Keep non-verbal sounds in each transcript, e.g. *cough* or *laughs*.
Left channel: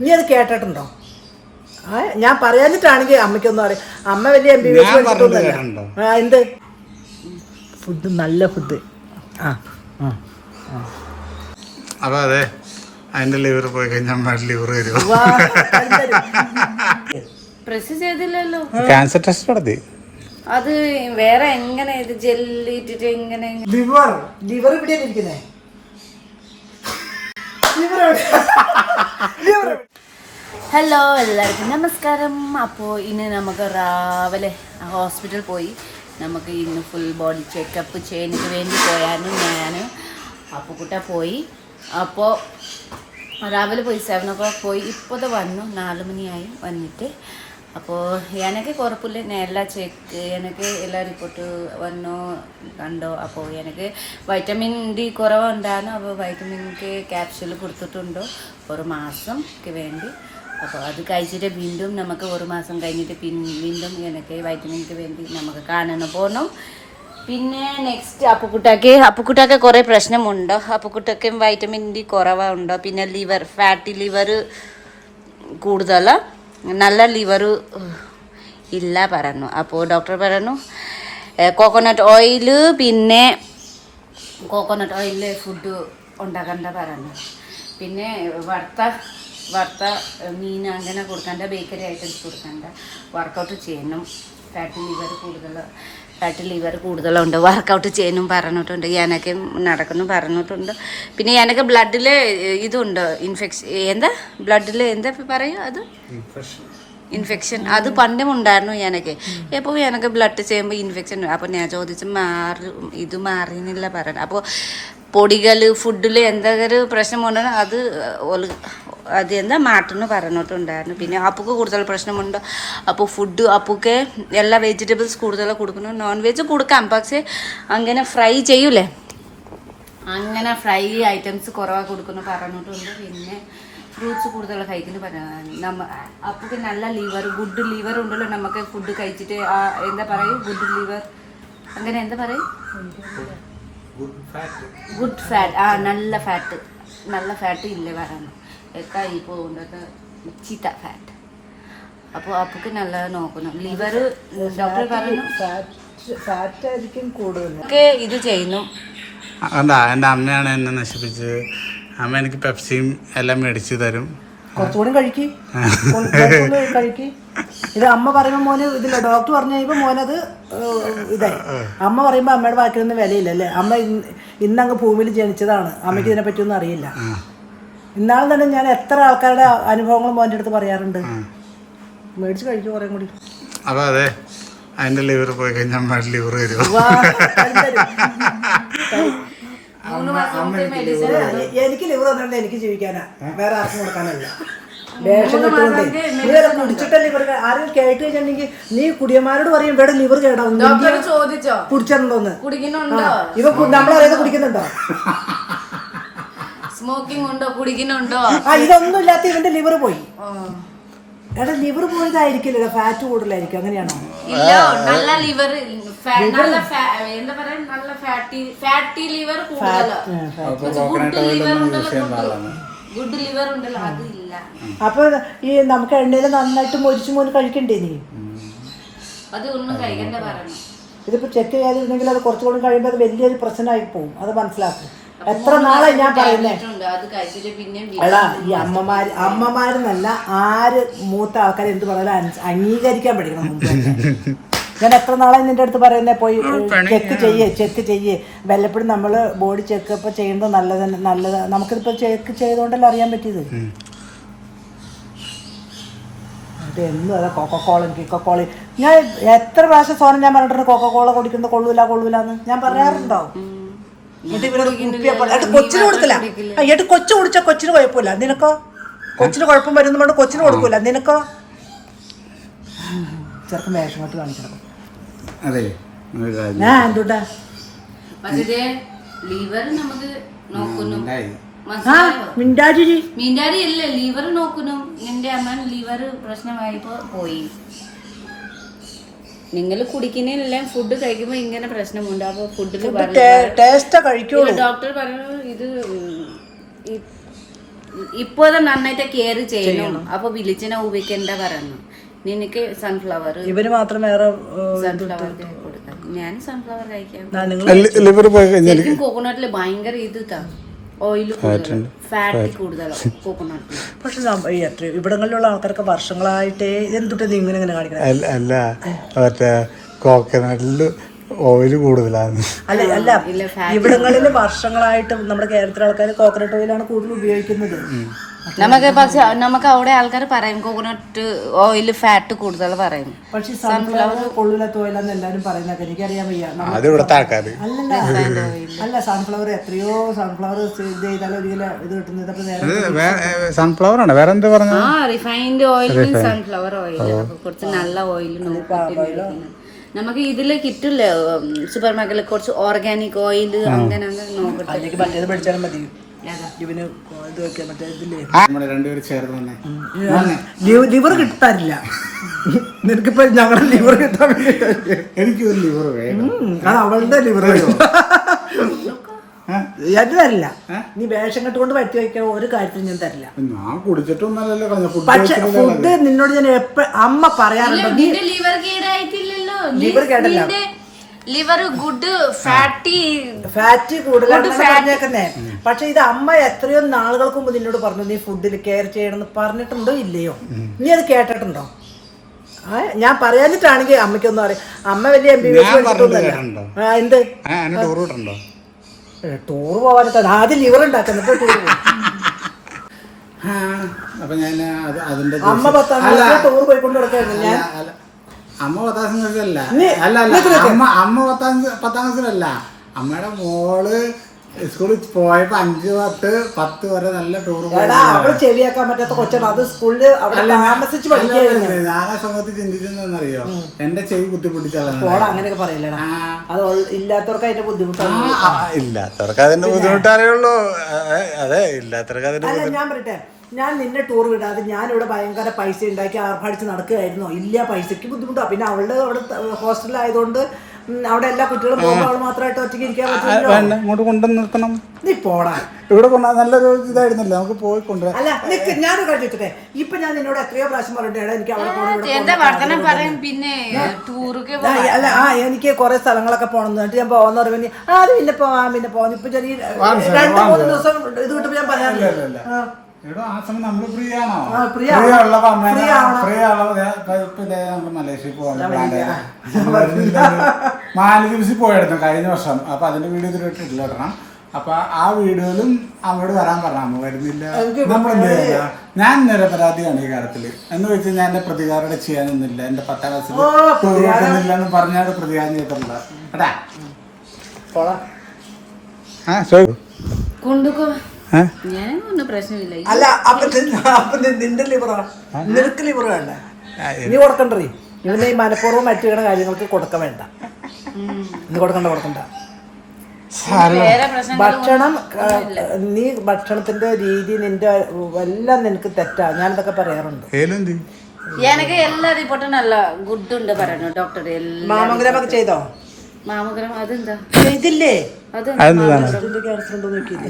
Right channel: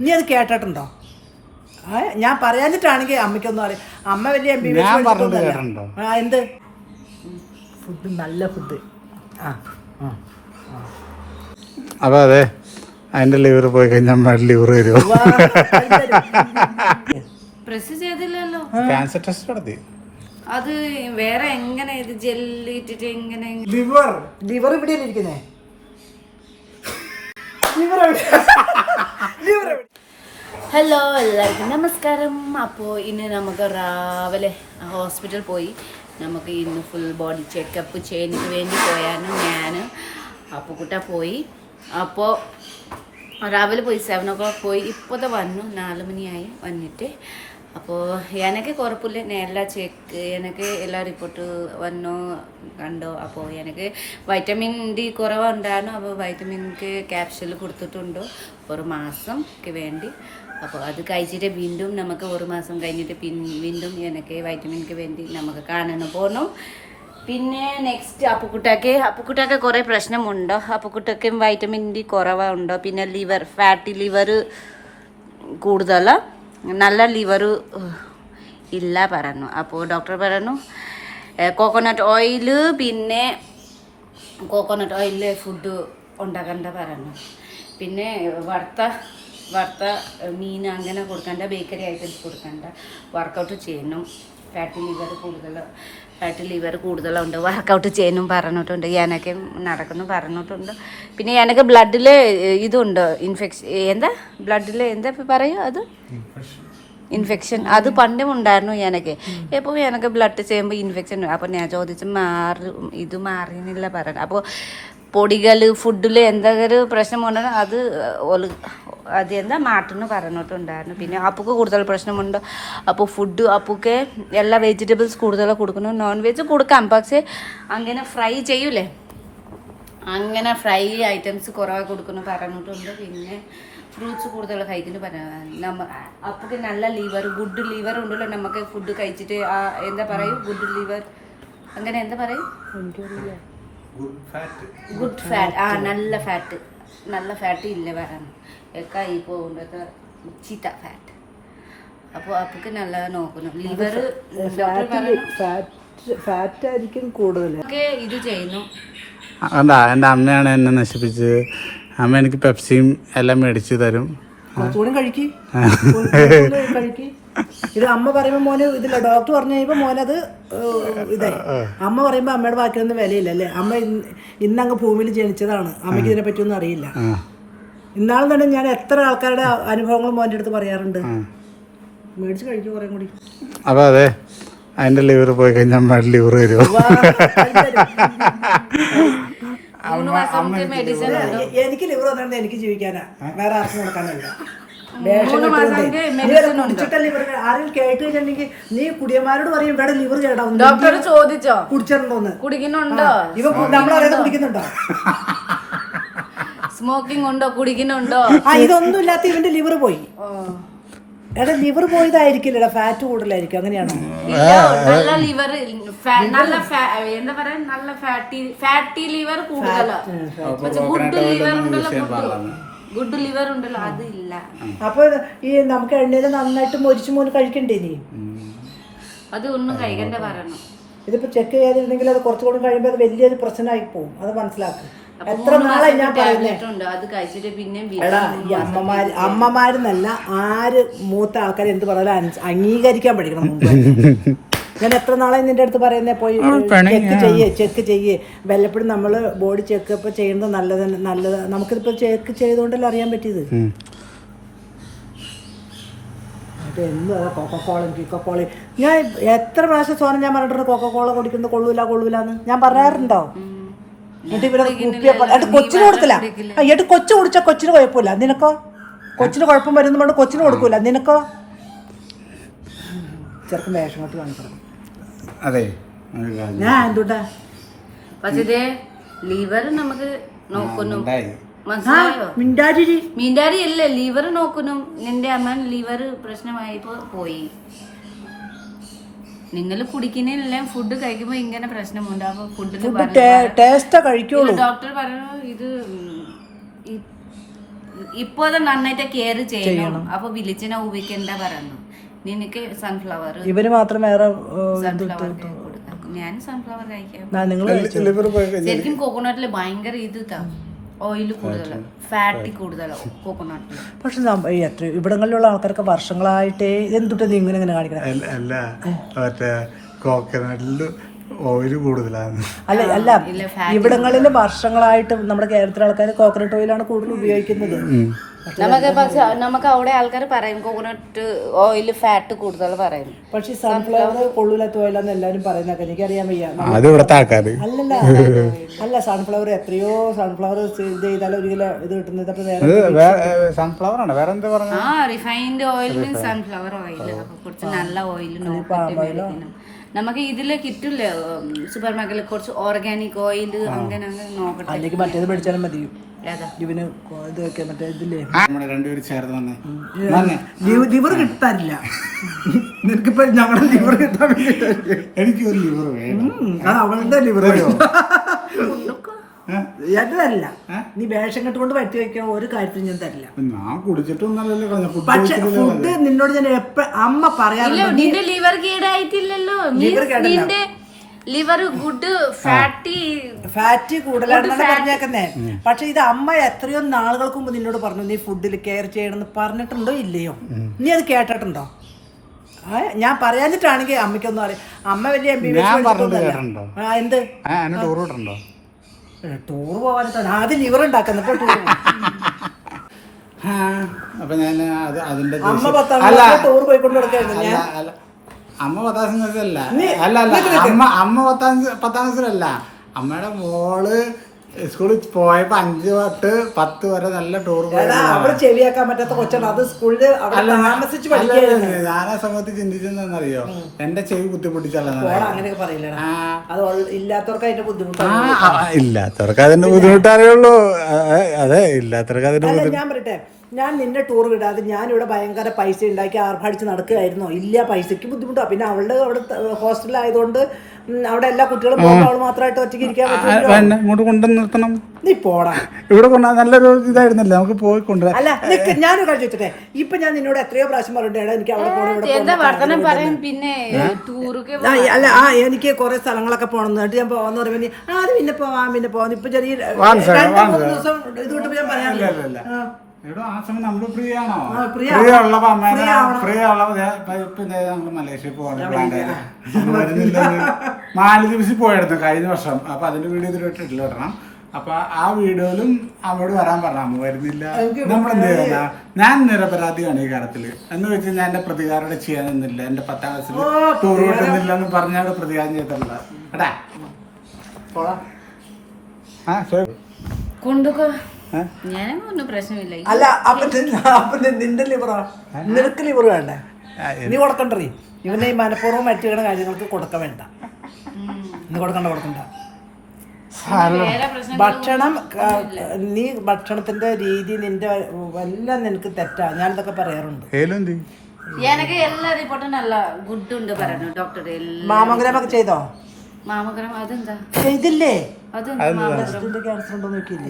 നീ അത് കേട്ടിട്ടുണ്ടോ? ഞാൻ പറയാനിട്ടാണെങ്കിൽ അമ്മയ്ക്കൊന്നും അറിയാം. അമ്മ വലിയ എം ബി എന്ത്? ഫുഡ് നല്ല ഫുഡ്. ആ ആ. അപ്പൊ അതെ അതിന്റെ ലിവർ പോയി കഴിഞ്ഞാൽ ലിവർ വരുമോ? അത്. പ്രസ് ചെയ്തില്ലല്ലോ. ക്യാൻസർ ടെസ്റ്റ് നടത്തി. അത് വേറെ എങ്ങനെ ഇത് ജെല്ലിട്ടിട്ട് എങ്ങനെ ലിവർ ലിവർ ഇവിടെയാണ് ഇരിക്കുന്നേ ലിവർ എവിടെ ലിവർ എവിടെ ഹലോ എല്ലാവർക്കും നമസ്കാരം. അപ്പോൾ ഇന്ന് നമുക്ക് രാവിലെ ഹോസ്പിറ്റൽ പോയി. നമുക്ക് ഇന്ന് ഫുൾ ബോഡി ചെക്കപ്പ് ചെയ്യാനൊക്കെ വേണ്ടി പോയായിരുന്നു ഞാൻ അപ്പുക്കുട്ട പോയി. അപ്പോൾ രാവിലെ പോയി സെവൻ ഒ ക്ലോക്ക് പോയി ഇപ്പോഴത്തെ വന്നു. നാല് മണിയായി വന്നിട്ട്. അപ്പോൾ എനിക്ക് കുഴപ്പമില്ല നേരല ചെക്ക് എനിക്ക് എല്ലാ റിപ്പോർട്ട് വന്നോ കണ്ടോ? അപ്പോൾ എനിക്ക് വൈറ്റമിൻ ഡി കുറവുണ്ടായിരുന്നു. അപ്പോൾ വൈറ്റമിൻക്ക് ക്യാപ്സ്യൂൾ കൊടുത്തിട്ടുണ്ടോ? ഒരു മാസംക്ക് വേണ്ടി. അപ്പോൾ അത് കഴിച്ചിട്ട് വീണ്ടും നമുക്ക് ഒരു മാസം കഴിഞ്ഞിട്ട് പിൻ വീണ്ടും എനിക്ക് വൈറ്റമിൻക്ക് വേണ്ടി നമുക്ക് കാണണം പോകണം പിന്നെ നെക്സ്റ്റ് അപ്പുക്കുട്ടാക്ക്. അപ്പുക്കുട്ടാക്ക് കുറേ പ്രശ്നമുണ്ടോ? അപ്പുക്കുട്ടക്കും വൈറ്റമിൻ ഡി കുറവുണ്ടോ? പിന്നെ ലിവർ ഫാറ്റി ലിവർ കൂടുതൽ നല്ല ലിവർ ഇല്ല പറഞ്ഞു. അപ്പോൾ ഡോക്ടർ പറഞ്ഞു കോക്കോനട്ട് ഓയിൽ പിന്നെ കോക്കോനട്ട് ഓയിൽ ഫുഡ് ഉണ്ടാക്കണ്ട പറഞ്ഞു. പിന്നെ വറുത്ത വറുത്ത മീൻ അങ്ങനെ കൊടുക്കണ്ട ബേക്കറി ഐറ്റംസ് കൊടുക്കണ്ട. വർക്കൗട്ട് ചെയ്യണം. ഫാറ്റ് ലിവർ കൂടുതൽ ഫാറ്റി ലിവർ കൂടുതലുണ്ട്. വർക്കൗട്ട് ചെയ്യാനും പറഞ്ഞിട്ടുണ്ട്. എനിക്ക് നടക്കുന്നു പറഞ്ഞിട്ടുണ്ട്. പിന്നെ എനിക്ക് ബ്ലഡിൽ ഇതുണ്ട്. ഇൻഫെക്ഷൻ എന്താ? ബ്ലഡിൽ എന്താ പറയൂ അത്? ഇൻഫെക്ഷൻ അത് പണ്ടും ഉണ്ടായിരുന്നു എനിക്ക് എപ്പോൾ എനിക്ക് ബ്ലഡ് ചെയ്യുമ്പോൾ ഇൻഫെക്ഷൻ അപ്പോൾ ഞാൻ ചോദിച്ചു മാറി ഇത് മാറിയെന്നില്ല പറയുന്നത് അപ്പോൾ പൊടികൾ ഫുഡിൽ എന്തെങ്കിലും പ്രശ്നമുണ്ടോ അത് ഒലു അത് എന്താ മാറ്റെന്ന് പറഞ്ഞിട്ടുണ്ടായിരുന്നു. പിന്നെ അപ്പുക്ക് കൂടുതൽ പ്രശ്നമുണ്ട്. അപ്പോൾ ഫുഡ് അപ്പുക്ക് എല്ലാ വെജിറ്റബിൾസ് കൂടുതൽ കൊടുക്കണം നോൺ വെജ് കൊടുക്കാം. പക്ഷേ അങ്ങനെ ഫ്രൈ ചെയ്യൂലേ? അങ്ങനെ ഫ്രൈ ഐറ്റംസ് കുറവാണ് കൊടുക്കുന്നു പറഞ്ഞിട്ടുണ്ട്. പിന്നെ ഫ്രൂട്ട്സ് കൂടുതൽ കഴിക്കുന്നു പറയാം നമ്മ അപ്പോൾ നല്ല ലിവർ ഗുഡ് ലിവർ ഉണ്ടല്ലോ. നമുക്ക് ഫുഡ് കഴിച്ചിട്ട് ആ എന്താ പറയൂ? ഗുഡ് ലിവർ അങ്ങനെ എന്താ പറയും? ഗുഡ് ഫാറ്റ് ആ നല്ല ഫാറ്റ് നല്ല ഫാറ്റ് ഇല്ല പറയണം ഒക്കെ ഈ പോകുന്നത് ചീത്ത ഫാറ്റ് അപ്പോൾ അപ്പൊക്ക് നല്ല നോക്കണം. ലിവർ ഡോക്ടർ പറഞ്ഞു. ഫാറ്റ് ആയിരിക്കും കൂടുതൽ ഒക്കെ ഇത് ചെയ്യുന്നു. എന്താ എന്റെ അമ്മയാണ് എന്നെ നശിപ്പിച്ചത്. അമ്മ എനിക്ക് പെപ്സിയും എല്ലാം മേടിച്ച് തരും. കുറച്ചുകൂടി കഴിക്ക്. കഴിക്ക്. ഇത് അമ്മ പറയുമ്പോൾ മോന് ഇതില്ല ഡോക്ടർ പറഞ്ഞു കഴിയുമ്പോൾ മോനത് ഇതായി. അമ്മ പറയുമ്പോൾ അമ്മയുടെ ബാക്കിയൊന്നും വിലയില്ല അല്ലേ അമ്മ ഇന്ന് ഇന്നങ്ങ് ഭൂമിയിൽ ജനിച്ചതാണ്. അമ്മയ്ക്ക് ഇതിനെ പറ്റിയൊന്നും അറിയില്ല. ആ. ഇന്നാളും തന്നെ ഞാൻ എത്ര ആൾക്കാരുടെ അനുഭവങ്ങൾ മോന്റെ അടുത്ത് പറയാറുണ്ട്. മേടിച്ച് കഴിക്കും കുറേ കൂടി. അതെ അതെ അതിന്റെ ലിവർ പോയി കഴിഞ്ഞാൽ ലിവർ വരുമോ എനിക്ക് ലിവർ വന്നിട്ട് എനിക്ക് ജീവിക്കാനാ. വേറെ ആർക്കും കൊടുക്കാനല്ല. വേഷം കെട്ടുകൊണ്ട് നീ വരെ കുടിച്ചിട്ടല്ല ഇവർ ആരും കേട്ട് കഴിഞ്ഞിട്ടുണ്ടെങ്കിൽ നീ കുടിയന്മാരോട് പറയും ഇവിടെ ലിവർ കേടാവുന്നു ചോദിച്ചോ? കുടിച്ചിട്ടുണ്ടോന്ന്. ഇവ നമ്മളറിയാതെ കുടിക്കുന്നുണ്ടോ? *laughs* സ്മോക്കിംഗ് ഉണ്ടോ കുടിക്കുന്നുണ്ടോ ആ ഇതൊന്നും ഇല്ലാത്ത ഇവന്റെ ലിവർ പോയി. എടാ ലിവർ പോയതായിരിക്കില്ലടാ ഫാറ്റ് കൂടുതലായിരിക്കും അങ്ങനെയാണോ? ഇല്ല നല്ല ലിവർ നല്ല fa- എന്താ പറയാ നല്ല ഫാറ്റി ഫാറ്റി ലിവർ കൂടുതലാ. അപ്പൊ കോക്കനട്ട് ഓയിലൊന്നും യൂസ് ചെയ്യാൻ പാടില്ല. ഗുഡ് ലിവർ ഉണ്ടല്ലോ അതില്ല അപ്പൊ ഈ നമുക്ക് എണ്ണയിൽ നന്നായിട്ട് മൊരിച്ചു മോന് കഴിക്കണ്ടേ നീ അത് ഒന്നും കഴിക്കണ്ട ഇതിപ്പോ ചെക്ക് ചെയ്യാതിരുന്നെങ്കിൽ അത് കുറച്ചുകൂടി കഴിയുമ്പോൾ അത് വലിയൊരു പ്രശ്നമായി പോകും അത് മനസ്സിലാക്കും. എത്ര നാളെ ഞാൻ പറയുന്നേ? എടാ ഈ അമ്മമാര് അമ്മമാരെന്നല്ല ആര് മൂത്ത ആൾക്കാർ എന്ത് പറഞ്ഞാലും അംഗീകരിക്കാൻ പഠിക്കണം മുമ്പ് തന്നെ. ഞാൻ എത്ര നാളായി നിന്റെ അടുത്ത് പറയുന്നേ? പോയി ചെക്ക് ചെയ്യേ ചെക്ക് ചെയ്യേ. വല്ലപ്പോഴും നമ്മൾ ബോഡി ചെക്കപ്പ് ചെയ്യുന്നത് നല്ലത് നല്ലത് നമുക്കിതിപ്പോ ചെക്ക് ചെയ്തുകൊണ്ടല്ലോ അറിയാൻ പറ്റിയത്? അതെന്നും അതാ കൊക്കക്കോള കിക്കക്കോള ഞാൻ എത്ര പ്രാവശ്യം സോനം ഞാൻ പറഞ്ഞിട്ടുണ്ട് കൊക്കക്കോള കുടിക്കുന്നത് കൊള്ളൂല കൊള്ളൂലെന്ന്. ഞാൻ പറയാറുണ്ടോ? എന്നിട്ട് ഇവരത് കുപ്പിയെ പോലെ- എടാ, കൊച്ചിന് കൊടുക്കില്ല. എന്നിട്ട് കൊച്ചു കുടിച്ച കൊച്ചിന് കുഴപ്പമില്ല. നിനക്കോ? കൊച്ചിന് കുഴപ്പം വരുന്ന കൊണ്ട് കൊച്ചിന് കൊടുക്കൂല. നിനക്കോ? ചെറുക്കൻ വേഷമത്ത് കാണിക്കണം അതെ ഞാൻ എന്തുട്ടാ? പക്ഷേ ലിവർ നമുക്ക് നോക്കുന്നു. മിണ്ടാരി മിണ്ടാജിരി അല്ലേ ലിവർ നോക്കുന്നു. നിന്റെ അമ്മ ലിവർ പ്രശ്നമായപ്പോ പോയി. നിങ്ങൾ കുടിക്കുന്നില്ല ഫുഡ് കഴിക്കുമ്പോൾ ഇങ്ങനെ പ്രശ്നമുണ്ട്. അപ്പോൾ ഫുഡിൽ ടേസ്റ്റ് കഴിക്കുള്ളൂ. ഡോക്ടർ പറഞ്ഞു ഇത് ഇപ്പോഴത്തെ നന്നായിട്ട് കെയർ ചെയ്യണം. അപ്പൊ വിളിച്ചിനെ ഉപയോഗിക്കണ്ട പറഞ്ഞു നിനക്ക് സൺഫ്ലവർ ഇവർ മാത്രം വേറെ സൺഫ്ലവർ കൊടുക്കാം. ഞാൻ സൺഫ്ലവർ കഴിക്കാം. ശരിക്കും കോക്കോനട്ടിൽ ഭയങ്കര ഇത് ഓയിൽ കൂടുതൽ ഫാറ്റ് കൂടുതലാണ് കോക്കോനട്ടിൽ പക്ഷെ ഇവിടങ്ങളിലുള്ള ആൾക്കാരൊക്കെ വർഷങ്ങളായിട്ടേ എന്തുട്ട് ഇങ്ങനെ ഇങ്ങനെ കാണിക്കണേ? അല്ല അല്ല. മറ്റേ കോക്കനട്ടിൽ ഓയിൽ കൂടുതലാണ്. അല്ല അല്ല. ഇവിടങ്ങളിൽ വർഷങ്ങളായിട്ട് നമ്മുടെ കേരളത്തിലെ ആൾക്കാർ കോക്കനട്ട് ഓയിലാണ് കൂടുതൽ ഉപയോഗിക്കുന്നത്. നമുക്ക് പക്ഷെ നമുക്ക് അവിടെ ആൾക്കാർ പറയും കോക്കോനട്ട് ഓയിൽ ഫാറ്റ് കൂടുതൽ പറയും. പക്ഷെ സൺഫ്ലവർ കൊള്ളൂലാത്ത ഓയിലാന്ന് എല്ലാരും പറയുന്നൊക്കെ എനിക്കറിയാൻ വയ്യ. അല്ലല്ല. *laughs* അല്ല സൺഫ്ലവർ എത്രയോ സൺഫ്ലവർ ഇത് ചെയ്താൽ ഒരു കിലോ ഇത് കിട്ടുന്നത് സൺഫ്ലവർ ആണ്. വേറെ എന്താ പറഞ്ഞു ആ റിഫൈൻഡ് ഓയിൽ സൺഫ്ലവർ ഓയിൽ അപ്പൊ കുറച്ച് നല്ല ഓയിൽ നോക്കിയിട്ട് മേടിക്കണം. നമുക്ക് ഇതിൽ കിട്ടില്ലേ സൂപ്പർ മാർക്കറ്റിൽ കുറച്ച് ഓർഗാനിക് ഓയിൽ അങ്ങനെ അങ്ങനെ നോക്കട്ടെ. മറ്റേത് പഠിച്ചാലും മതി? ഇവന് ഇത് വെക്കാൻ മറ്റേ ഇതില്ലേ? നമ്മുടെ രണ്ടുപേരും ചേർന്ന് തന്നെ വന്നേ. ലിവർ കിട്ടാനില്ല നിനക്കിപ്പോ ഞങ്ങളുടെ ലിവർ കിട്ടാൻ വേണ്ടിയിട്ടല്ലേ? എനിക്ക് ഒരു ലിവർ വേണം. അത് അവളുടെ ലിവർ ഞാൻ തരില്ല നീ വേഷം കെട്ടുകൊണ്ട് പറ്റി വയ്ക്കാൻ ഒരു കാര്യത്തിനും ഞാൻ തരില്ല. ഞാൻ കുടിച്ചിട്ടൊന്നല്ലല്ലോ കളഞ്ഞ ഫുഡ് പക്ഷെ ഫുഡ് നിന്നോട് ഞാൻ എപ്പ അമ്മ പറയാറുണ്ട് ലിവർ കേടായിട്ടില്ലല്ലോ. Liver കേടല്ല. Liver good fatty. Fat കൂടുതലാണ് പറഞ്ഞേക്കുന്നേ. പക്ഷെ ഇത് അമ്മ എത്രയോ നാളുകൾക്ക് മുമ്പ് നിന്നോട് പറഞ്ഞു നീ ഫുഡിൽ കെയർ ചെയ്യണമെന്ന് പറഞ്ഞിട്ടുണ്ടോ ഇല്ലയോ? നീ അത് കേട്ടിട്ടുണ്ടോ? ഞാൻ പറയാനിട്ടാണെങ്കിൽ അമ്മയ്ക്കൊന്നും അറിയാം. അമ്മ വലിയ എം ബി എന്ത്? ടൂർ പോകാനത്തെ ആദ്യം ലിവർ ഉണ്ടാക്കുന്നിട്ട് ടൂർ അപ്പൊ ഞാൻ അതിന്റെ അമ്മ പത്താം ടൂർ പോയിക്കൊണ്ട് കിടക്കായിരുന്നു ഞാൻ. അല്ല. അമ്മ പത്താം ക്ലാസ്സിലല്ല അല്ല അല്ല അമ്മ അമ്മ പത്താം പത്താം ക്ലാസ്സിലല്ല. അമ്മയുടെ മോൾ സ്കൂളിൽ പോയപ്പോ അഞ്ച് പത്ത് പത്ത് വരെ നല്ല ടൂർ പോയി. എടാ അവിടെ ചെവിയാക്കാൻ പറ്റാത്ത കൊച്ചാണ്. അത് സ്കൂളിൽ താമസിച്ച് ഞാൻ ആ സമയത്ത് ചിന്തിച്ചെന്നറിയോ എന്റെ ചെവി കുത്തിപ്പൊട്ടിച്ചല്ല പോടാ അങ്ങനെയൊക്കെ അത് ഇല്ലാത്തവർക്ക് അതിന്റെ ബുദ്ധിമുട്ടാണ്. ഇല്ലാത്തവർക്ക് അതിന്റെ ബുദ്ധിമുട്ടറിയുള്ളൂ. അതെ ഇല്ലാത്തവർക്ക് അതിന്റെ ഞാൻ പറയട്ടെ. ഞാൻ നിന്നെ ടൂർ വിടാതെ ഞാനിവിടെ ഭയങ്കര പൈസ ഉണ്ടാക്കി ആർഭാടിച്ച് നടക്കുകയായിരുന്നോ. ഇല്ല പൈസയ്ക്ക് ബുദ്ധിമുട്ടാണ് പിന്നെ അവളുടെ അവിടെ ഹോസ്റ്റലായതുകൊണ്ട് അവിടെ എല്ലാ കുട്ടികളും പോകുമ്പോൾ അവൾ മാത്രമായിട്ട് ഒറ്റയ്ക്ക് ഇരിക്കാൻ പറ്റില്ലല്ലോ. എന്നെ ഇങ്ങോട്ട് കൊണ്ടു നിർത്തണം. നീ പോടാ. ഇവിടെ നല്ലൊരു ഇതായിരുന്നല്ലോ. നമുക്ക് പോയി കൊണ്ടുവരാം. അല്ല നിക്ക് ഞാനൊരു കാര്യം ചോദിച്ചോട്ടെ? ഇപ്പൊ ഞാൻ നിന്നോട് എത്രയോ പ്രാവശ്യം പറഞ്ഞിട്ടുണ്ട് എടാ, എനിക്ക് അവിടെ പോകണം പിന്നെ അല്ല ആ എനിക്ക് കുറെ സ്ഥലങ്ങളൊക്കെ പോകണം. എന്നിട്ട് ഞാൻ പോകാന്ന് പറയുമ്പോൾ നീ ആ അത് പിന്നെ പോവാം പിന്നെ പോവാം. ഇപ്പൊ ചെറിയ രണ്ട് മൂന്ന് ദിവസം ഇത് വിട്ടപ്പോ ഞാൻ പറയാറില്ല? ആ. എടോ ആ സമയം ഫ്രീ ആണോ ഫ്രീ. ഫ്രീ മലേഷ്യയിൽ പോകാൻ മാലദ്വീപ്സിൽ പോയായിരുന്നു കഴിഞ്ഞ വർഷം. അപ്പൊ അതിന്റെ വീഡിയോ ഇതിൽ ഇട്ടിട്ടില്ല ഇടണം അപ്പൊ ആ വീഡിയോയിലും അവിടെ വരാൻ പറഞ്ഞു. അമ്മ വരുന്നില്ല. നമ്മൾ എന്ത് ചെയ്യാനാ? ഞാൻ നിരപരാധിയാണ് ഈ കാര്യത്തിൽ. എന്ന് വെച്ച് ഞാൻ എന്റെ പ്രതികാരം ഇവിടെ ചെയ്യാനൊന്നുമില്ല എന്റെ പത്താം ക്ലാസ്സിൽ ടൂർ കിട്ടുന്നില്ല എന്ന് പറഞ്ഞാൽ പ്രതികാരം ചെയ്തിട്ടില്ല കേട്ടാ? ആ ശരി. അല്ല അപ്പൊ നി- അപ്പൊ നി- നിന്റെ ലിവറാ നിനക്ക് ലിവർ വേണ്ടേ. നീ കൊടുക്കണ്ടേ ഇവനെ ഈ മനഃപൂർവം മറ്റുകണ കാര്യങ്ങൾക്ക് കൊടുക്ക വേണ്ട. നീ കൊടുക്കണ്ട കൊടുക്കണ്ട. ഭക്ഷണം നീ ഭക്ഷണത്തിന്റെ രീതി നിന്റെ എല്ലാം നിനക്ക് തെറ്റാ. ഞാനിതൊക്കെ പറയാറുണ്ട്. എനിക്ക് എല്ലാ റിപ്പോർട്ടും നല്ല ഗുഡ് ഉണ്ട് പറയുന്നു ഡോക്ടർ എല്ലാം ചെയ്തോ? മാമോഗ്രാം അതെന്താ?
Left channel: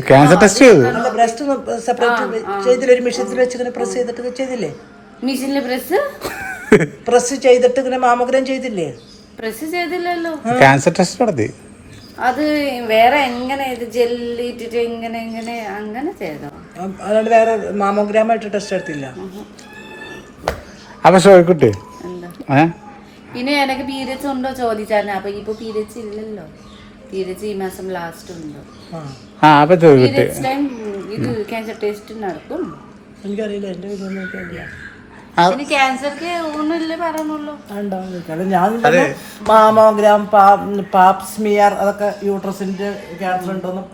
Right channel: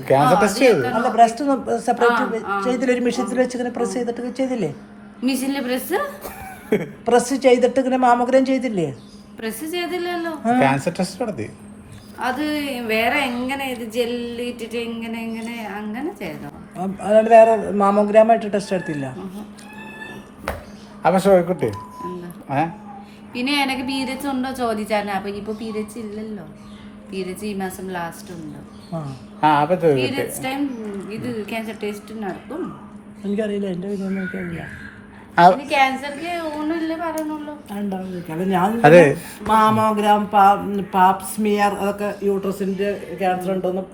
ക്യാൻസർ ടെസ്റ്റ് ചെയ്തു ബ്രസ്റ്റ് സെപ്പറേറ്റ് ചെയ്തില്ല? ഒരു മെഷീനിൽ വെച്ച് ഇങ്ങനെ പ്രസ് ചെയ്തിട്ട് ചെയ്തില്ലേ? മെഷീനിൽ പ്രസ് പ്രസ് ചെയ്തിട്ട് ഇങ്ങനെ മാമോഗ്രാം ചെയ്തില്ലേ? പ്രസ് ചെയ്തില്ലല്ലോ. ക്യാൻസർ ടെസ്റ്റ് നടത്തി. അത് വേറെ എങ്ങനെ ഇത് ജെല്ലിട്ടിട്ട് ഇങ്ങനെ ഇങ്ങനെ അങ്ങനെ ചെയ്തോ? അല്ലാണ്ട് വേറെ മാമോഗ്രാമായിട്ട് ടെസ്റ്റ് എടുത്തില്ല. അപ്പൊ ഏ? പിന്നെ എനിക്ക് പീരിയഡ്സ് ഉണ്ടോ ചോദിച്ചായിരുന്നു അപ്പൊ ഇപ്പൊ പീരിയഡ്സ് ഇല്ലല്ലോ. പീരിയഡ്സ് ഈ മാസം ലാസ്റ്റ് ഉണ്ടോ? ആ. ആ അപ്പൊ പീരിയഡ്സ് ടൈം ഇത് ക്യാൻസർ ടെസ്റ്റ് നടക്കും. എനിക്കറിയില്ല ഞാൻ മാമോഗ്രാം പാപ്പ് സ്മിയർ അതൊക്കെ യൂട്രസിന്റെ ക്യാൻസർ ഉണ്ടോന്നും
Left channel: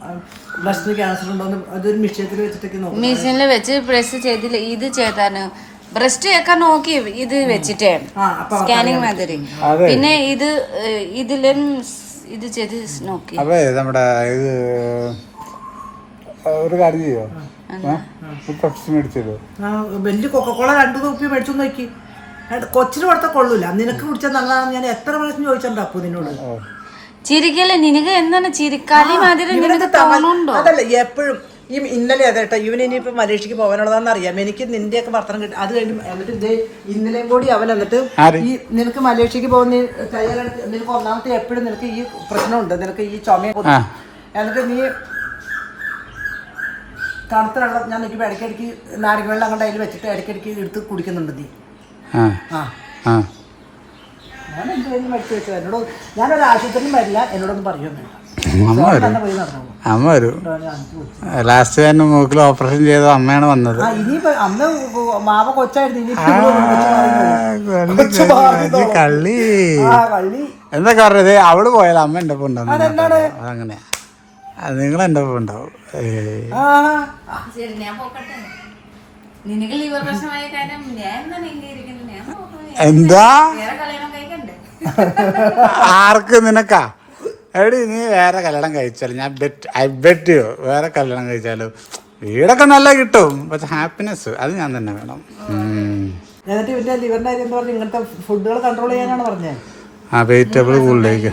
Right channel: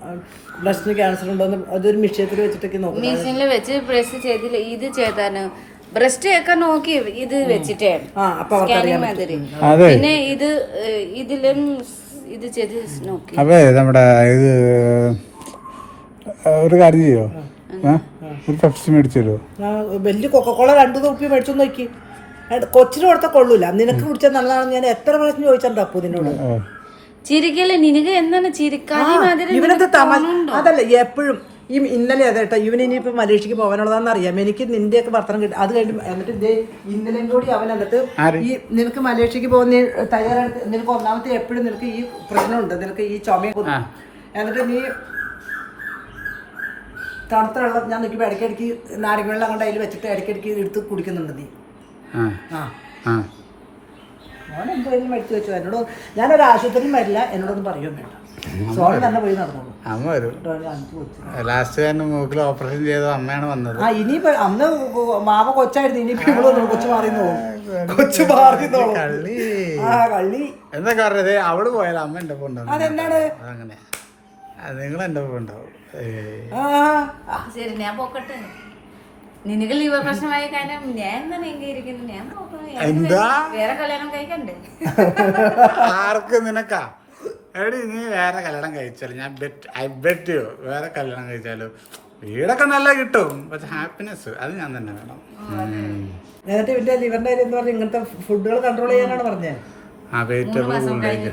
ബ്ലസ്റ്റിന് ക്യാൻസർ ഉണ്ടോന്നും അതൊരു മിഷ്യത്തിൽ വെച്ചിട്ടൊക്കെ നോക്കും. മെഷീനിൽ വെച്ച് പ്രസ് ചെയ്തില്ല. ഇത് ചെയ്താണ് ബ്രസ്റ്റ് ഒക്കെ നോക്കി ഇത് വെച്ചിട്ടേ. സ്കാനിങ് മാതിരി. പിന്നെ ഇത് ഇതിലും ഇത് ചെയ്ത് നോക്കി. നമ്മുടെ ഇത് ഒരു കാര്യം ചെയ്യോ? പെപ്സി മേടിച്ചു വലിയ കൊക്കക്കോള രണ്ടു തൊപ്പി മേടിച്ചു നോക്കി. കൊച്ചിനെ കൊടുത്ത കൊള്ളൂല. നിനക്ക് കുടിച്ചാൽ നല്ലതാണെന്ന് ഞാൻ എത്ര പ്രാവശ്യം ചോദിച്ചു അപ്പു നിന്നോട്. ചിരിക്കല്ലേ? നിനക്ക് എന്താണ് ചിരിക്കാതെ അതല്ല എപ്പോഴും ഈ ഇന്നലെ അതെ കേട്ടോ? ഇവൻ ഇനിയിപ്പോൾ മലേഷ്യക്ക് പോകാനുള്ളതാണെന്ന് അറിയാം. എനിക്ക് നിന്റെയൊക്കെ ഭർത്തനം കിട്ടും. അത് കഴിഞ്ഞ് എന്നിട്ട് ഇതേ ഇന്നലെയും കൂടി അവൻ എന്നിട്ട് ഈ നിനക്ക് മലേഷ്യക്ക് പോകുന്ന തയ്യാറാണ് നിനക്ക് ഒന്നാമത്തെ എപ്പോഴും നിനക്ക് ഈ പ്രശ്നമുണ്ട്. നിനക്ക് ഈ ചുമ എന്നിട്ട് നീ തണുത്ത വെള്ളം ഞാൻ നിൽക്കുമ്പോൾ ഇടയ്ക്കിടയ്ക്ക് നാരങ്ങ വെള്ളം അങ്ങോട്ട് അതിൽ വെച്ചിട്ട് ഇടയ്ക്കിടയ്ക്ക് എടുത്ത് കുടിക്കുന്നുണ്ട് നീ. ആ. ഞാൻ എന്തായാലും മരിച്ചു വെച്ചത്? എന്നോട് ഞാനൊരു ആശുപത്രിയിലും വരില്ല എന്നോടൊന്നും പറയുമൊന്നുമില്ല അമ്മ വരും. ലാസ്റ്റ് തന്നെ മൂക്കിൽ ഓപ്പറേഷൻ ചെയ്ത അമ്മയാണ് വന്നത്. അന്ന് മാവ കൊച്ചായിരുന്നു. കള്ളി. എന്താ കള്ളി. എന്തൊക്കെ പറഞ്ഞത്? അവൾ പോയാലും? അമ്മ എന്റെ ഒപ്പം ഉണ്ടാവും. അതെന്താണ്? അതങ്ങനെ. നിങ്ങൾ എന്റെ ഒപ്പം ഉണ്ടാവും. എന്താ? വേറെ കല്യാണം കഴിക്കണ്ടേ. ആർക്ക് നിനക്കാ? എടി നീ വേറെ കല്യാണം കഴിച്ചാലും ഞാൻ ബെറ്റ് ഐ ബെറ്റ് യു വേറെ കല്യാണം കഴിച്ചാലും വീടൊക്കെ നല്ല കിട്ടും. പക്ഷെ ഹാപ്പിനെസ് അത് ഞാൻ തന്നെ വേണം. എന്നിട്ട് ഇവന്റെ ലിവറിന്റെ കാര്യം എന്താ പറഞ്ഞ ഇങ്ങനത്തെ ഫുഡുകൾ കൺട്രോൾ ചെയ്യാനാണ് പറഞ്ഞത് ആ വെജിറ്റബിൾ കൂടുതലേക്ക്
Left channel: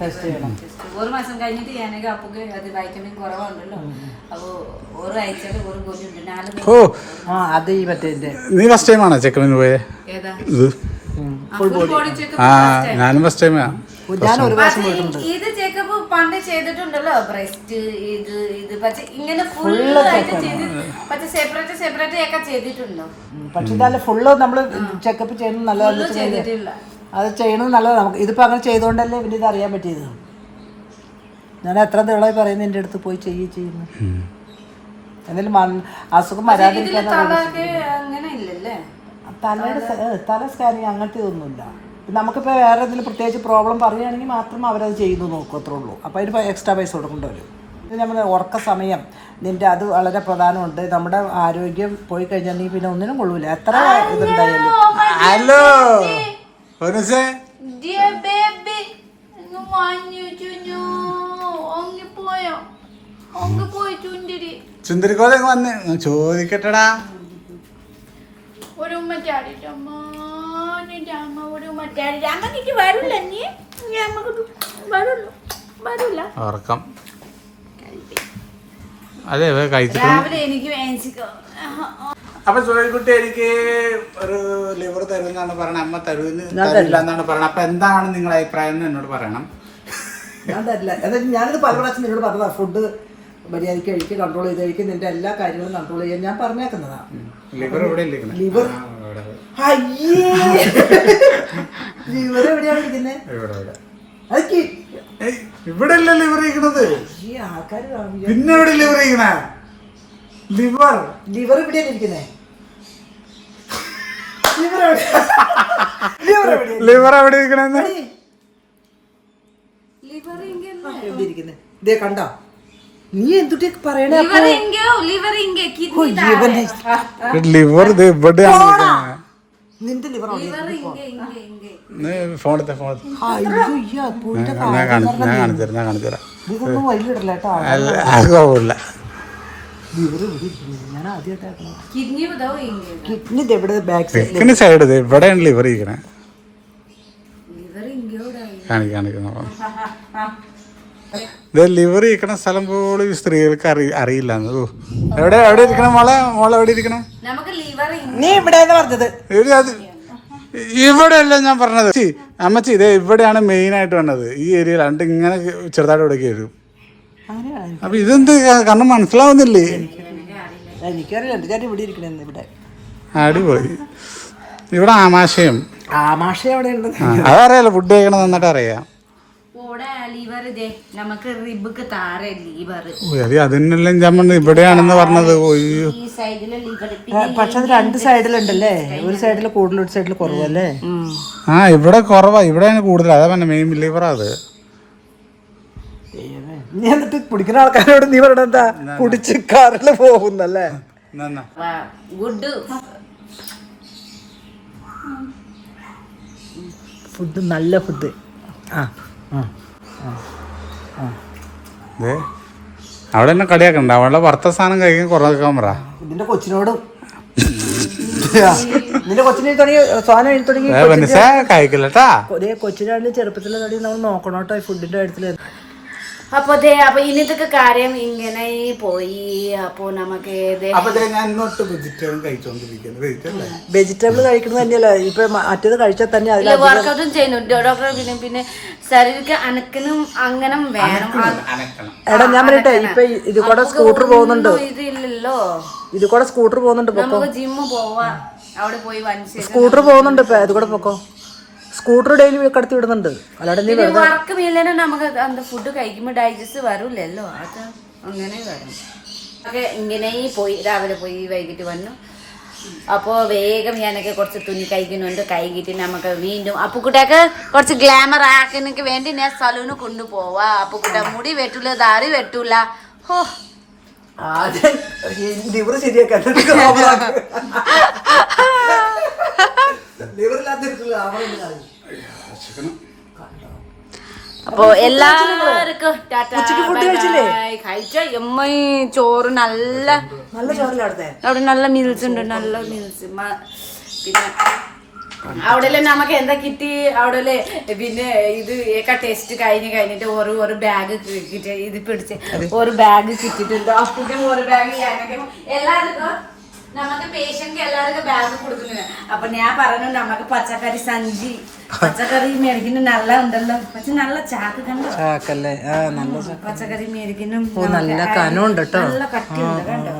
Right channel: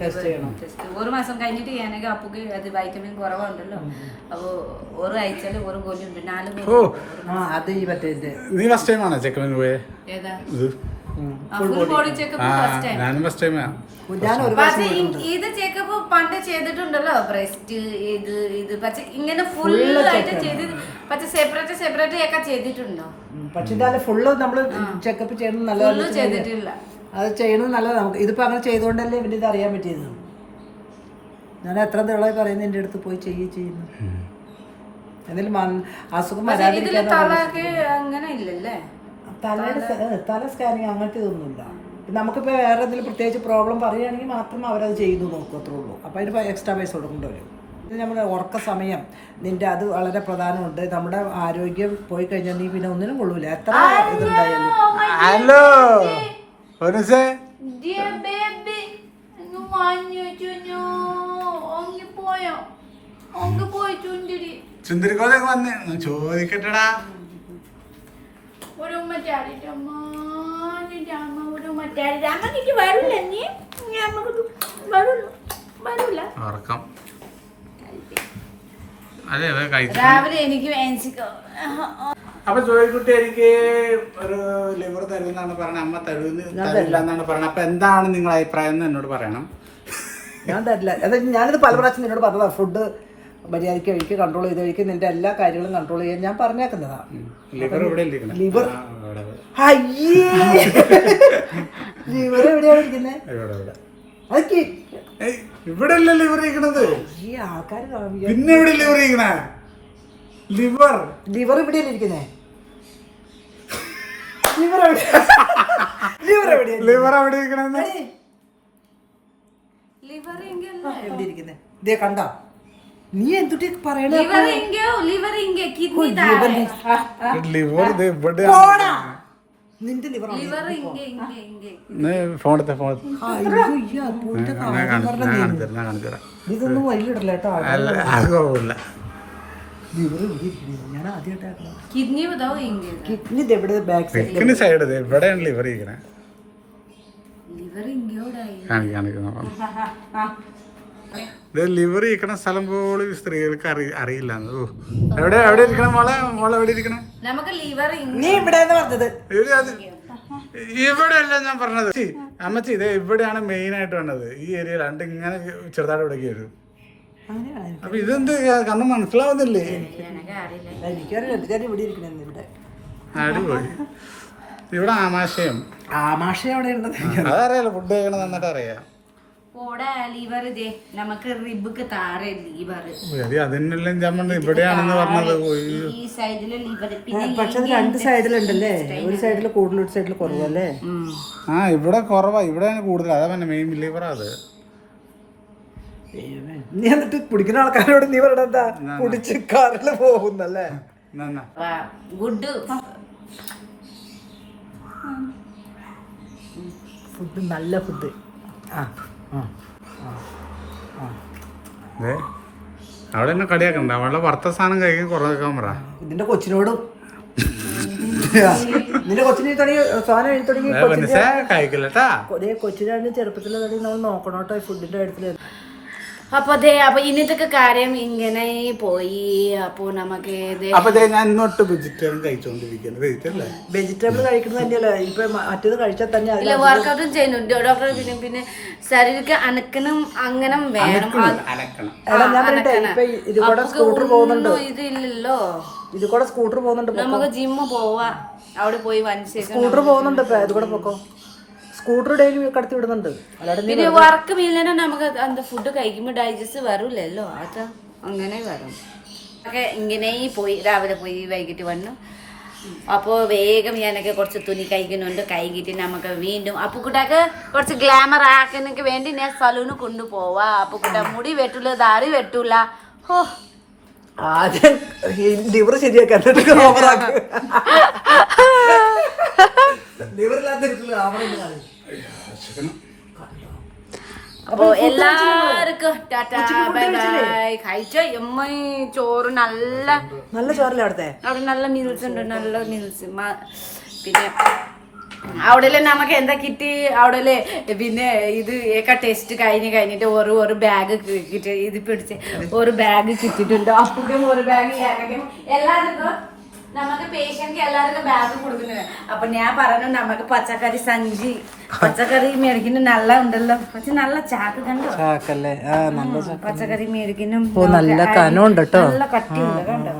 ടെസ്റ്റ് ചെയ്യണം. ഒരു മാസം കഴിഞ്ഞിട്ട് ഞാനൊക്കെ അപ്പുക്ക് അത് വൈറ്റമിൻ കുറവുണ്ടല്ലോ. അപ്പോ ഒരു ആഴ്ചയിൽ ഒരു ഗോലി ഉണ്ട് നാല്. ഓ. ആ അത് ഈ മറ്റേ നീ ഫസ്റ്റ് ടൈം ആണോ ചെക്കമിന് പോയത്? ഏതാ? ഇത് ഫുൾ ബോഡി ചെക്കപ്പ് ആ ഞാനും ഫസ്റ്റ് ടൈമാ ഇത് ചെക്കപ്പ് പണ്ട് ചെയ്തിട്ടുണ്ടല്ലോ. ബ്രസ്റ്റ് ഇത് ഇത് പക്ഷെ ഇങ്ങനെ ഫുൾ ആയിട്ട് ചെയ്ത് പക്ഷെ സെപ്പറേറ്റ് സെപ്പറേറ്റ് ഒക്കെ ചെയ്തിട്ടുണ്ടോ. പക്ഷെ ഇതായാലും ഫുള്ള് നമ്മൾ ചെക്കപ്പ് ചെയ്യുന്നത് നല്ലതല്ല ചെയ്തിട്ടില്ല. അത് ചെയ്യണത് നല്ലതാണ് നമുക്ക് ഇതിപ്പോൾ അങ്ങനെ ചെയ്തുകൊണ്ടല്ലേ ഇവന് ഇത് അറിയാൻ പറ്റിയത്. ഞാൻ എത്ര ദിവളമായി പറയുന്നത് എന്റെ അടുത്ത് പോയി ചെയ്യുക ചെയ്യുന്നു എന്നാലും അസുഖം വരാതിരിക്കാൻ അങ്ങനെ ഇല്ലല്ലേ? തലയുടെ തല സ്കാനിങ് അങ്ങനത്തെ ഒന്നുമില്ല നമുക്കിപ്പോൾ വേറെ എന്തെങ്കിലും പ്രത്യേകിച്ച് പ്രോബ്ലം പറയുകയാണെങ്കിൽ മാത്രം അവരത് ചെയ്തു നോക്കും അത്രേ ഉള്ളൂ. അപ്പോൾ അതിന് എക്സ്ട്രാ പൈസ കൊടുക്കേണ്ടി വരും. ഇത് നമ്മുടെ ഉറക്ക സമയം. നിന്റെ അത് വളരെ പ്രധാനമുണ്ട്. നമ്മുടെ ആരോഗ്യം പോയി കഴിഞ്ഞാൽ നീ പിന്നെ ഒന്നിനും കൊള്ളൂല. എത്ര ഇതുണ്ടായാലും. ഹലോ. ചുന്തിരിക്കോലെ വന്ന്. ഞാൻ ചോദിക്കട്ടെടാ. ഒരു ഉമ്മ അമ്മ നിന്റെ അമ്മ ഒരു ഉമ്മ ചാടിട്ട് അമ്മയ്ക്ക് വരില്ല നീ? അമ്മയ്ക്ക് വരുള്ളൂ വരൂല. ഉറക്കം. അതെ കഴിച്ചു രാവിലെ എനിക്ക് അപ്പൊ ജോലിക്കുട്ടി എനിക്ക് ഒരു ലിവർ തരുന്നാണ് പറയണത് അമ്മ തരുമെന്ന് തരില്ല എന്നാണ് പറഞ്ഞത്. അപ്പൊ എന്താണ് നിങ്ങളുടെ അഭിപ്രായം എന്ന് എന്നോട് പറയണം. ഞാൻ തരില്ല. അതായത് ഞാനിത് പല പ്രാവശ്യം നിന്നോട് പറഞ്ഞതാ ഫുഡ് മര്യാദയ്ക്ക് കഴിക്കുക കൺട്രോൾ ചെയ്ത് കഴിക്കുക നിന്റെ എല്ലാ കാര്യങ്ങളും കൺട്രോൾ ചെയ്യാൻ ഞാൻ പറഞ്ഞേക്കുന്നതാ. ലിവർ അയ്യേ! *laughs* ലിവർ എവിടെയാണ് ഇരിക്കുന്നത് ഇവിടെ ഇവിടെ. അതൊക്കെ ഏയ്, ഇവിടെ അല്ല ലിവർ ഇരിക്കണത്? ഈ ആൾക്കാർ പിന്നെ എവിടെ ലിവർ ഇരിക്കണ? ലിവർ ലിവർ ഇരിക്കുന്നത് ലിവർ എവിടെ? ലിവർ എവിടെ ഇരിക്കണെന്ന്? ലിവർ ഇങ്ങോ എവിടെ ഇരിക്കുന്നത് ഇതേ കണ്ടോ? നീ എന്തുട്ടി പറയണേ ലിവർ *laughs* ഇത് ഇവിടെയാണ് നിന്റെ ലിവർ ഫോണത്തെ അപ്പൂന്റെ ഞാൻ കാണിച്ചു തരാം ഞാൻ കാണിച്ചു തരാം. ഇതൊന്നും വൈകിട്ടില്ല കേട്ടോ അത് കുഴപ്പമില്ല ഇവിടെ കിഡ്നി സൈഡ് ഇത് ഇവിടെയാണ് ലിവർ ഇരിക്കണേ. ലിവർ *laughs* ലിവർ ഇരിക്കണ സ്ഥലം പോലും സ്ത്രീകൾക്ക് അറി അറിയില്ല. എവിടെ എവിടെ ഇരിക്കണം മോളെ? മോളെ എവിടെ ഇരിക്കണേ? നമുക്ക് ലിവർ നീ ഇവിടെ ഇവിടെ അല്ല ഞാൻ പറഞ്ഞത്. അമ്മച്ചി ഇത് ഇവിടെയാണ് മെയിൻ ആയിട്ട് വന്നത്. ഈ ഏരിയയിൽ രണ്ട് ഇങ്ങനെ ചെറുതായിട്ട് ഇവിടേക്ക് വരും. അപ്പൊ ഇതെന്ത് കാരണം മനസ്സിലാവുന്നില്ലേ? അടിപൊളി. ഇവിടെ ആമാശയം. ഉള്ളത്? അതറിയാലോ ഫുഡ് കഴിക്കണം നന്നായിട്ട് അറിയാം. അതിനെല്ലാം ഞാൻ പറഞ്ഞത് ഇവിടെയാണെന്ന് പറഞ്ഞത് ഈ സൈഡിലെ ലിവർ പിന്നെ പക്ഷെ അത് രണ്ട് സൈഡിലുണ്ടല്ലേ ഒരു സൈഡിൽ കൂടുതൽ ഒരു സൈഡിൽ കുറവല്ലേ? ആ ഇവിടെ കുറവാ. ഇവിടെ കൂടുതൽ. അതാ പറഞ്ഞ മെയിൻ ലിവറാ അത്. നീ എന്നിട്ട് കുടിക്കുന്ന ആൾക്കാരോട് നീ പറയണ എന്താ? കുടിച്ച് കാറിൽ പോകുന്നല്ലേ? ഫുഡ് നല്ല ഫുഡ്. ആ. ഉം. അവിടെ എന്നെ കളിയാക്കണ്ട. അവളുടെ ഭർത്ത സാധനം കഴിക്കാൻ കുറയ്ക്കാൻ പറ നിന്റെ കൊച്ചിനോടും നിന്റെ കൊച്ചിനെ എഴുതി തുടങ്ങി ഏ, കഴിക്കില്ലട്ടാ ഒരേ കൊച്ചിനാണെങ്കിൽ ചെറുപ്പത്തിൽ തുടങ്ങി നമ്മൾ നോക്കണം കേട്ടോ ഈ ഫുഡിന്റെ കാര്യത്തിൽ അപ്പൊ അതെ അപ്പൊ ഇന്നത്തെ കാര്യം ഇങ്ങനെ പോയി. അപ്പൊ നമുക്ക് ദേ അപ്പൊ ദേ ഞാൻ ഇന്നൊട്ട് വെജിറ്റേറിയൻ കഴിച്ചോണ്ടിരിക്കുന്നത് വെജിറ്റല്ലേ വെജിറ്റബിൾ കഴിക്കുന്നത് തന്നെയല്ല? ഇപ്പൊ മറ്റേത് കഴിച്ചാൽ തന്നെ വർക്കൗട്ടും ചെയ്യുന്നുണ്ട്. ഡോക്ടർ പിന്നെ പിന്നെ ശരീരക്ക് അനക്കനും അങ്ങനെ വേണം. ആ- അനക്കണം. എടാ ഞാൻ പറയട്ടെ. ഇപ്പൊ ഇത് കൂടെ സ്കൂട്ടർ പോകുന്നുണ്ട്? ഇതില്ലല്ലോ. ഇത് കൂടെ സ്കൂട്ടർ പോകുന്നുണ്ട് നമുക്ക് ജിമ്മ് പോവാ. അവിടെ പോയി സ്കൂട്ടർ പോകുന്നുണ്ട് ഇപ്പൊ. ഇത് കൂടെ നോക്കോ സ്കൂട്ടർ ഡെയിലി കടത്തി വിടുന്നുണ്ട്. അല്ലാണ്ട് നീ പിന്നെ വർക്ക് ഇല്ലെന്നെ നമുക്ക് അന്ത ഫുഡ് കഴിക്കുമ്പോൾ ഡൈജസ്റ്റ് വരൂലല്ലോ അത് അങ്ങനെ വരും. ഒക്കെ ഇങ്ങനെ പോയി രാവിലെ പോയി വൈകിട്ട് വന്നു. അപ്പോൾ വേഗം ഞാനൊക്കെ കുറച്ച് തുണി കഴിക്കുന്നുണ്ട്. കൈകിട്ട് നമുക്ക് വീണ്ടും അപ്പുക്കുട്ടിയൊക്കെ കുറച്ച് ഗ്ലാമർ ആക്കുന്നതിന് വേണ്ടി ഞാൻ സലൂണ് കൊണ്ടുപോവാ. അപ്പുക്കുട്ട മുടി വെട്ടൂല ദാറി വെട്ടൂല. ഹോ. ലിവർ ശരിയാക്കാൻ *laughs* അപ്പൊ എല്ലാവർക്കും കഴിച്ച? എമ്മ ചോറ് നല്ല അവിടെ നല്ല മീൽസ് ഉണ്ട് നല്ല മീൽസ് പിന്നെ അവിടെ നമുക്ക് എന്താ കിട്ടി? അവിടെ പിന്നെ ഇത് ഏക്ക ടെസ്റ്റ് കഴിഞ്ഞ് കഴിഞ്ഞിട്ട് ഒരു ഒരു ബാഗ് കിട്ടി ഇത് പിടിച്ച് ഒരു ബാഗ് കിട്ടിയിട്ടുണ്ട്? അപ്പോഴും ഒരു ബാഗ് എല്ലാവർക്കും നമുക്ക് പേഷ്യന്റ് എല്ലാവർക്കും ബാഗ് കൊടുക്കുന്നുണ്ട്. അപ്പൊ ഞാൻ പറഞ്ഞു നമുക്ക് പച്ചക്കറി സഞ്ചി. പച്ചക്കറി മേടിക്കുന്ന നല്ല ഉണ്ടല്ലോ. പക്ഷെ നല്ല ചാക്ക് കണ്ടോ? ചാക്കല്ലേ? നല്ല പച്ചക്കറി മേടിക്കുന്നു നല്ല കനം ഉണ്ട് കേട്ടോ. നല്ല കട്ടിയുണ്ട് കണ്ടോ?